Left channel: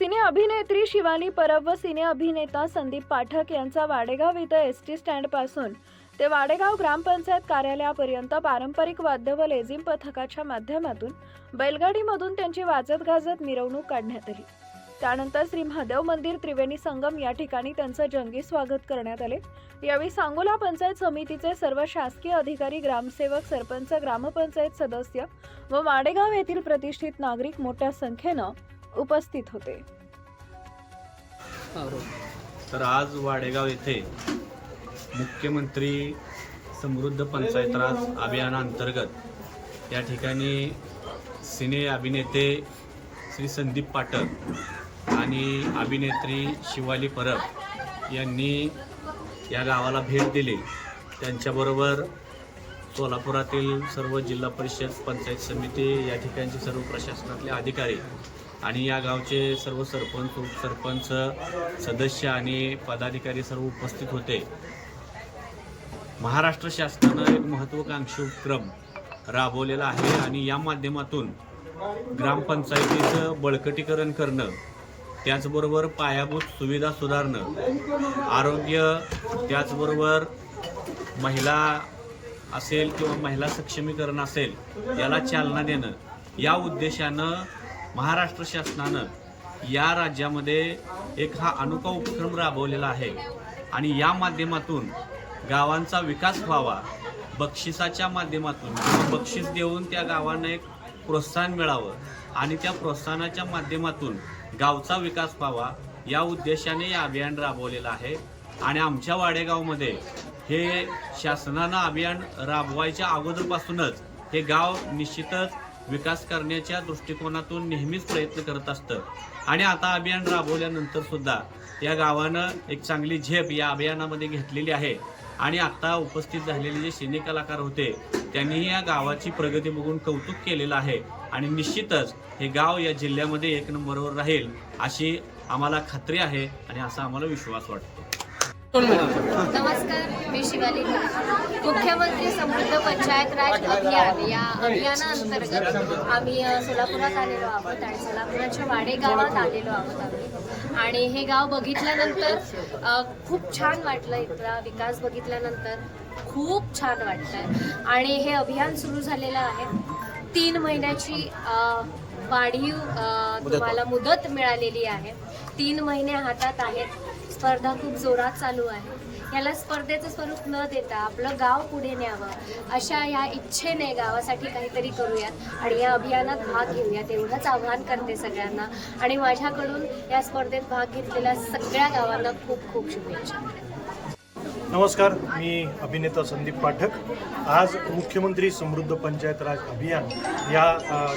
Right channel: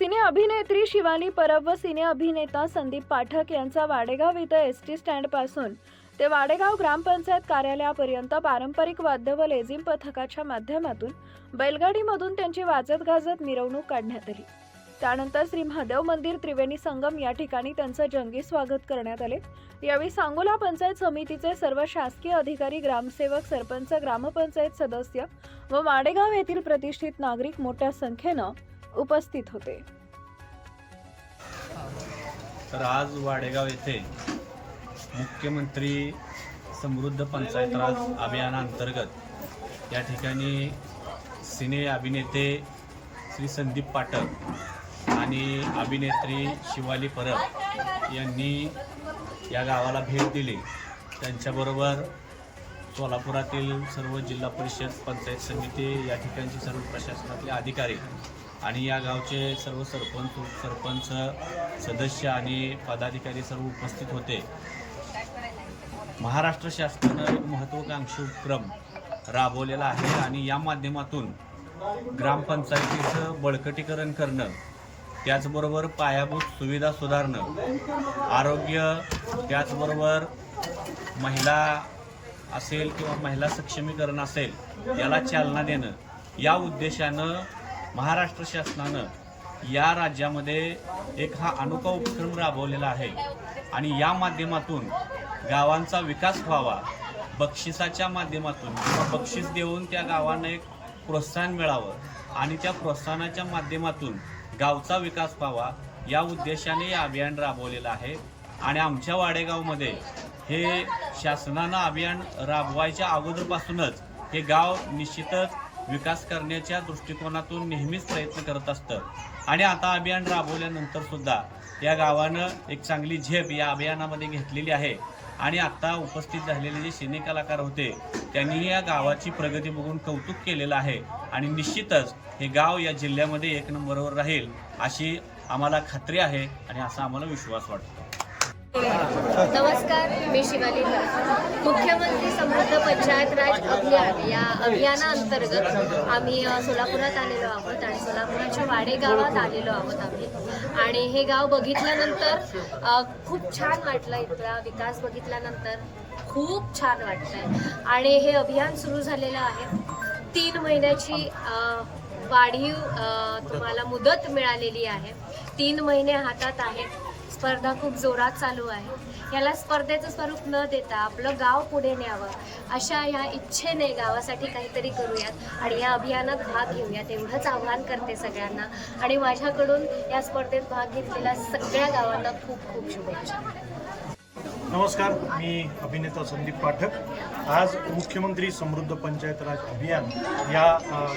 सिने अभिनेत्री शिवानी परब व सिने अभिनेता संदीप पाठक यांचा वाडेगाव इथं एस टी स्टँडपासून ते वाडेगाव ग्रामपंचायत कार्यालयापर्यंत पारंपरिक वाद्य व लेझिम पथकाच्या माध्यमातून बैलगाडीमधून त्यांची वाजत गाजत मिरवणूक काढण्यात आली. त्यानंतर श्री महादेव मंदिर त्रिवेणी संगम या ठिकाणी त्यांचं जंगी स्वागत करण्यात आले. यावेळी सांगोला पंचायत समितीचे सर्व शासकीय अधिकारी ग्रामसेवक सरपंच ग्रामपंचायत सदस्य व वाडेगाव येथील प्रतिष्ठित नागरिक मोठ्या संख्येनं उपस्थित होते. तर आज वाडेगाव येथे मुख्यमंत्री समृद्ध पंचायत राज अभियानाअंतर्गत या ठिकाणी सिने अभिनेते श्री संदीप पाठक आणि अभिनेत्री शिवाली परब यांनी या गावाला भेट दिली. त्यांच्याबरोबर सोलापुरातील सर्व जिल्हा परिषद पंचायत समिती या ठिकाणचे सर्व प्रशासनातले अधिकारी आणि या गावचे सर्व सरपंच उपसरपंच सदस्य आणि पदाधिकारी सर्व उपस्थित होते. महाराष्ट्र शासनानं एक महत्त्वाकांक्षी उपक्रम राबवलेला आहे आणि या माध्यमातून ग्रामपंचायतीचं बळकटीकरण करणं त्याचबरोबर पायाभूत सुविधा सुधारणं आरोग्य त्याचबरोबर महिला असेल किंवा महिला सक्षमीकरण असेल याला चालना देणं या उद्देशानं महाराष्ट्र शासनानं या राज्यामध्ये एक हा अनोखा उपक्रम राबवलेला आहे. आणि या माध्यमातून गावांचा विकास व्हावा बक्षिसाच्या माध्यमातून किंवा बक्षीस देऊन त्या गावांना एक प्रोत्साहन मिळावं आणि त्या प्रोत्साहनाच्या माध्यमातून गावचा विकास व्हावा या उद्देशाने हे अभियान राबवलेलं आहे. आणि आमच्या वाडेगावमध्ये हे शासनानं अभियान राबवायच्या अगोदरपासूनच हे गाव निश्चितच विकास करण्याच्या दृष्टिकोनातून नेहमीच प्रयत्न करत असतं. आणि आता अभियान राबवल्यानंतर सुद्धा या गावानं एक चांगली झेप या अभियानामध्ये घेतलेली आहे. आणि आता उपस्थित झालेले जे सिने कलाकार होते त्यांनीही या गावाची प्रगती बघून कौतुक केलेलं आहे. आणि निश्चितच हे गाव या जिल्ह्यामध्ये एक नंबरवर राहील अशी आम्हाला खात्री आहे आणि असा आम्हाला विश्वास वाटतो. नमस्कार मी शिवाली. समृद्ध पंचायत राज अभियान या अभियानाअंतर्गत आम्ही सोलापुरात आलेलो आहोत आणि सोलापुराच्या वाडे गावात आलेलो आहोत आम्ही. आणि हे गाव बघितल्यानंतर खूप छान वाटलं इथला विकास बघितल्यानंतर. खूप छान वाटतंय. आणि हे अभियान सुरू झालेलं आहे. तीन महिन्याची वाढीव तुम्हाला मुदत मिळालेली आहे. तीन महिने हातात आहेत. स्पर्धा खूप जोरात चालू आहे. याला स्पर्धेचं स्वरूप न देता आपलं गाव पुढे न्यावं. अशा या इच्छेने गावासाठी काहीतरी करूयात आणि या अभियानात भाग घेऊयात. एवढंच आव्हान करते सगळ्यांना. आणि माझ्याकडून या स्पर्धेत भाग घेतलेल्या सगळ्या गावांना खूप खूप शुभेच्छा. नमस्कार मी अभिनेता संदीप पाठक. आज मुख्यमंत्री समृद्ध पंचायत राज अभियान या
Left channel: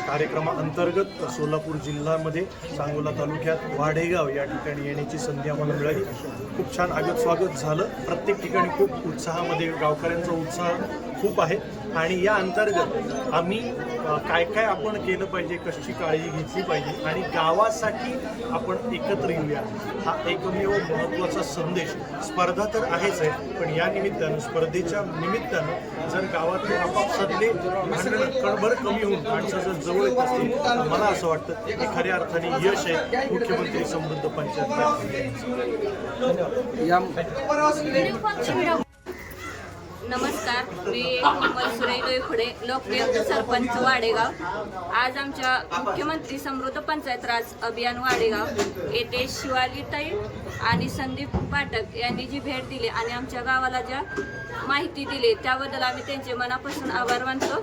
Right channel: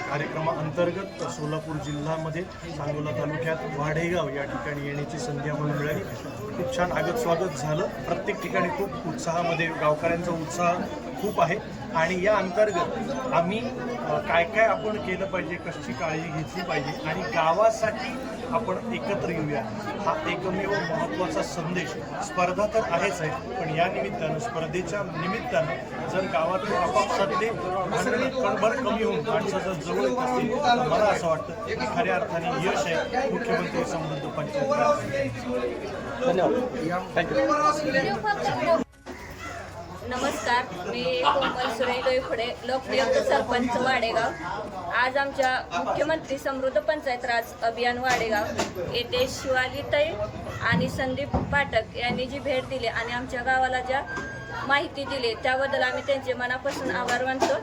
कार्यक्रमाअंतर्गत सोलापूर जिल्ह्यामध्ये सांगोला तालुक्यात वाढेगाव या ठिकाणी येण्याची संधी आम्हाला मिळाली. खूप छान आगत स्वागत झालं. प्रत्येक ठिकाणी खूप उत्साहामध्ये गावकऱ्यांचा उत्साह खूप आहे. आणि या अंतर्गत आम्ही काय काय आपण केलं पाहिजे कशी काळजी घेतली पाहिजे आणि गावासाठी आपण एकत्र येऊया. हा एकमेव महत्त्वाचा संदेश. स्पर्धा तर आहेच आहे पण या निमित्तानं स्पर्धेच्या निमित्तानं जर गावातले आपापसातले भांडणं कणभर कमी होऊन माणसं जर जवळ येत असतील तर मला असं वाटतं की खऱ्या अर्थाने यश आहे मुख्यमंत्री समृद्ध पंचायत. नमस्कार मी कोमल सुरेश डोईफुडे लोकनियुक्त सरपंच वाडेगाव. आज आमच्या मुख्यमंत्री समृद्ध पंचायत राज अभियान वाडेगाव येथे शिवालीताई आणि संदीप पाठक यांनी जी भेट दिली आणि आमच्या गावाला ज्या माहिती दिली त्याबद्दल आम्ही त्यांचे मनापासून आभार मानतो.